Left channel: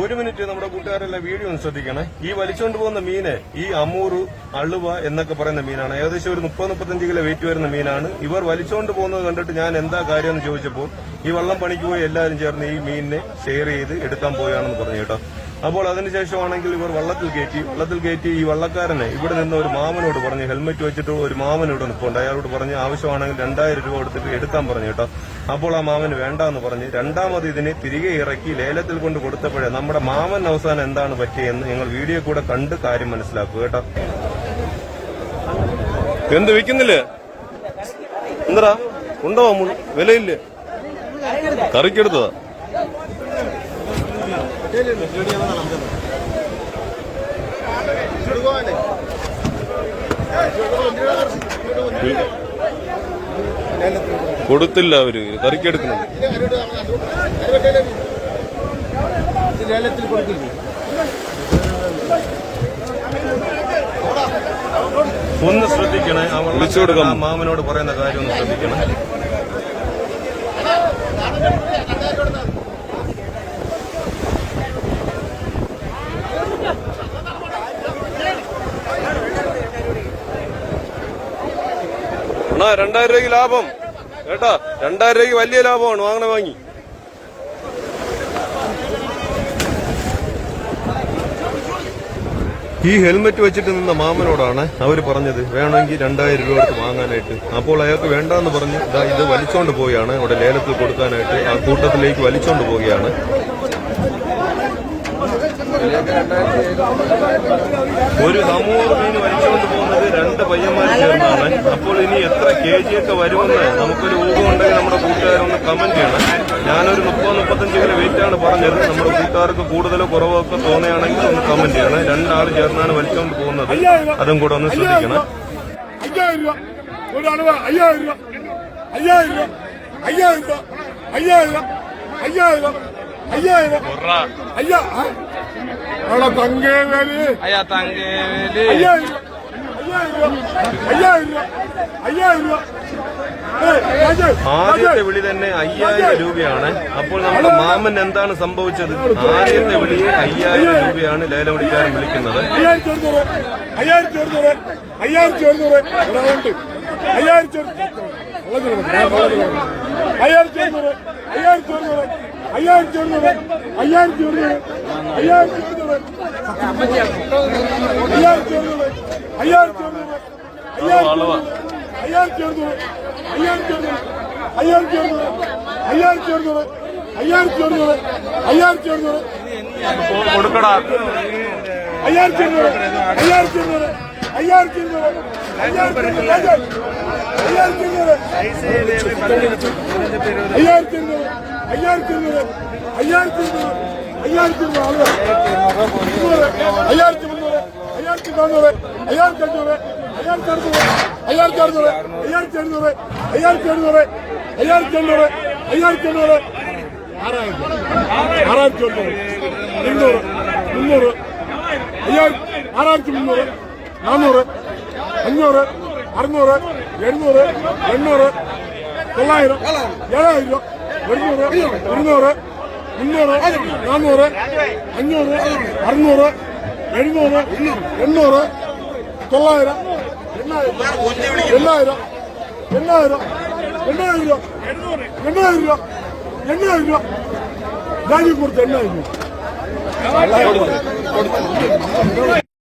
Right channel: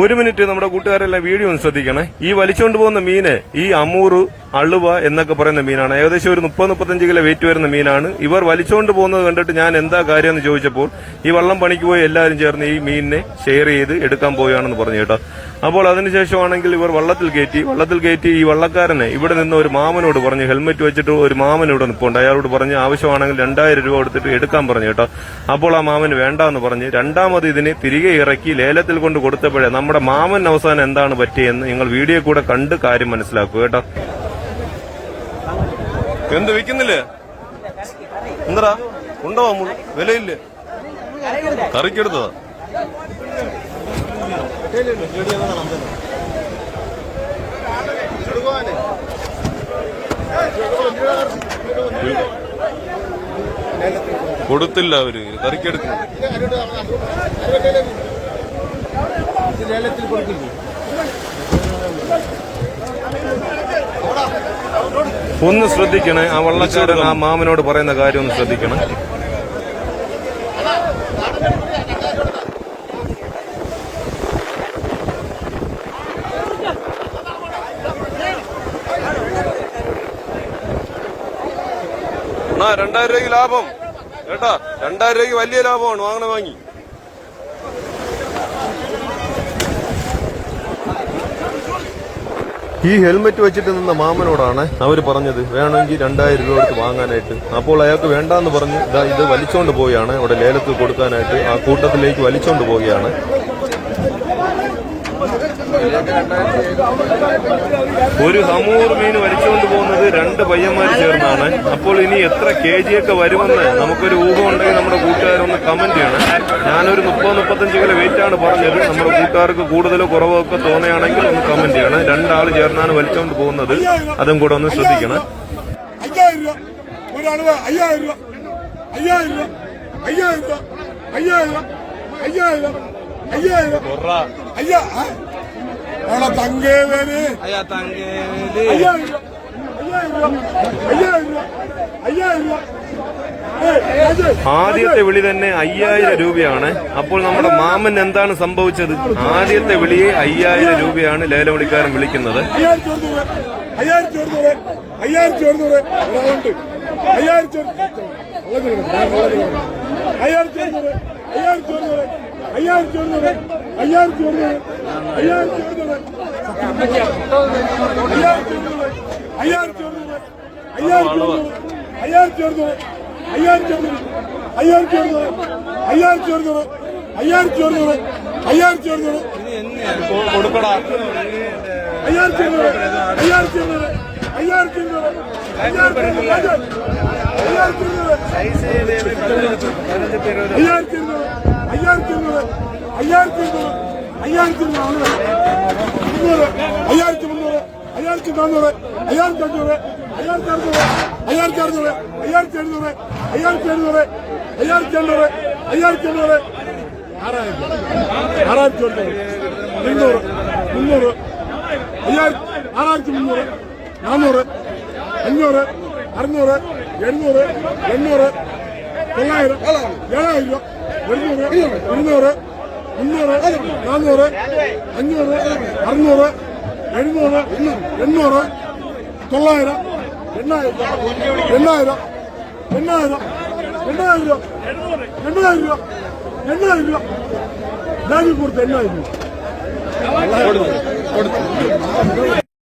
ഒരു മിനിറ്റ് നമ്മുടെ കൂട്ടുകാരെല്ലാം വീഡിയോ ഒന്ന് ശ്രദ്ധിക്കണേ. ഈ വലിച്ചുകൊണ്ട് പോകുന്ന മീന് ഈ അമൂറ്, അളുവ എന്നൊക്കെ പറയുന്ന മീനാണ്. ഏകദേശം ഒരു 30-35 കിലോ വെയിറ്റ് വരുന്ന മീനാണ്. ഇവർ വലിച്ചുകൊണ്ട് പോകുന്നത് കണ്ടിട്ട് ഞാൻ എന്താ കാര്യം എന്ന് ചോദിച്ചപ്പോൾ ഈ വള്ളം പണിക്ക് പോയി എല്ലാവരും ചേർന്ന് ഈ മീനിനെ ഷെയർ ചെയ്ത് എടുക്കാൻ പോവുകയാണെന്ന് പറഞ്ഞു കേട്ടോ. അപ്പോൾ അതിനുശേഷമാണെങ്കിൽ ഇവർ വള്ളത്തിൽ കയറ്റി ഈ വള്ളക്കാരനെ ഇവിടെ നിന്ന് ഒരു മാമനോട് പറഞ്ഞു, ഹെൽമെറ്റ് വെച്ചിട്ട് ഒരു മാമൻ ഇവിടെ നിൽപ്പുണ്ട്, അയാളോട് പറഞ്ഞ് ആവശ്യമാണെങ്കിൽ 2000 രൂപ കൊടുത്തിട്ട് എടുക്കാൻ പറഞ്ഞു കേട്ടോ. അപ്പോൾ ആ മാമന് വേണ്ടാന്ന് പറഞ്ഞ് രണ്ടാമത് ഇതിനെ തിരികെ ഇറക്കി ലേലത്തിൽ കൊണ്ട് കൊടുത്തപ്പോഴേ നമ്മുടെ മാമൻ അവസാനം എന്താണ് പറ്റിയെന്ന് നിങ്ങൾ വീഡിയോ കൂടെ കണ്ട് കാര്യം മനസ്സിലാക്കുക കേട്ടോ. എന്ത് വിൽക്കുന്നില്ലേ? എന്താ ഉണ്ടോ? വിലയില്ലേ? കറിക്കെടുത്തോ? കൊടുത്തില്ല, അവര് കറിക്കെടുക്കുന്നില്ല. ഒന്ന് ശ്രദ്ധിക്കണേ, ആ വള്ളക്കാരൻ ആ മാമനോട് പറയുന്ന കാര്യം ഒന്ന് ശ്രദ്ധിക്കണം. എന്നാ 2000 രൂപയ്ക്ക് ലാഭം കേട്ടാ, 2000 രൂപയ്ക്ക് വലിയ ലാഭമാണ്. വാങ്ങി ഈ ഹെൽമെറ്റ് വെച്ചിട്ട് നിന്ന മാമനോടാണ് അവര് പറഞ്ഞത് വേണമെങ്കിൽ 2000 രൂപ കൊടുത്ത് വാങ്ങാനായിട്ട്. അപ്പോൾ അയാൾക്ക് വേണ്ടാന്ന് പറഞ്ഞ് ഇത് വലിച്ചോണ്ട് പോവുകയാണ്. അവിടെ ലേലത്തിൽ കൊടുക്കാനായിട്ട് ആ കൂട്ടത്തിലേക്ക് വലിച്ചോണ്ട് പോവുകയാണ്. ഒരു സമൂറ് മീൻ വലിച്ചുകൊണ്ട് പോകുന്നത് 2 പയ്യന്മാർ ചേർന്നാണ്. അപ്പോൾ ഇനി എത്ര kg ഒക്കെ വരുമെന്ന് നമുക്കൊരു ഊഹം ഉണ്ടെങ്കിൽ നമ്മുടെ കൂട്ടുകാരൊന്ന് കമന്റ് ചെയ്യണം. ഞാനൊരു 30-35 കിലോ വെയിറ്റ് ആണ് പറഞ്ഞത്. നമ്മുടെ കൂട്ടുകാർക്ക് കൂടുതലോ കുറവോ ഒക്കെ തോന്നുകയാണെങ്കിൽ ഒന്ന് കമന്റ് ചെയ്യണം. 2 ആള് ചേർന്നാണ് വലിച്ചുകൊണ്ട് പോകുന്നത്, അതും കൂടെ ഒന്ന് ശ്രദ്ധിക്കണം. 5000 ആദ്യത്തെ വിളി തന്നെ 5000 രൂപയാണ്. അപ്പോൾ നമ്മുടെ മാമൻ എന്താണ് സംഭവിച്ചത്? ആദ്യത്തെ വിളിയെ 5000 രൂപയാണ് ലേലം വിളിക്കാരൻ വിളിക്കുന്നത്. 5400 കൊടുക്കടാ. 800 കൊടുത്ത് 800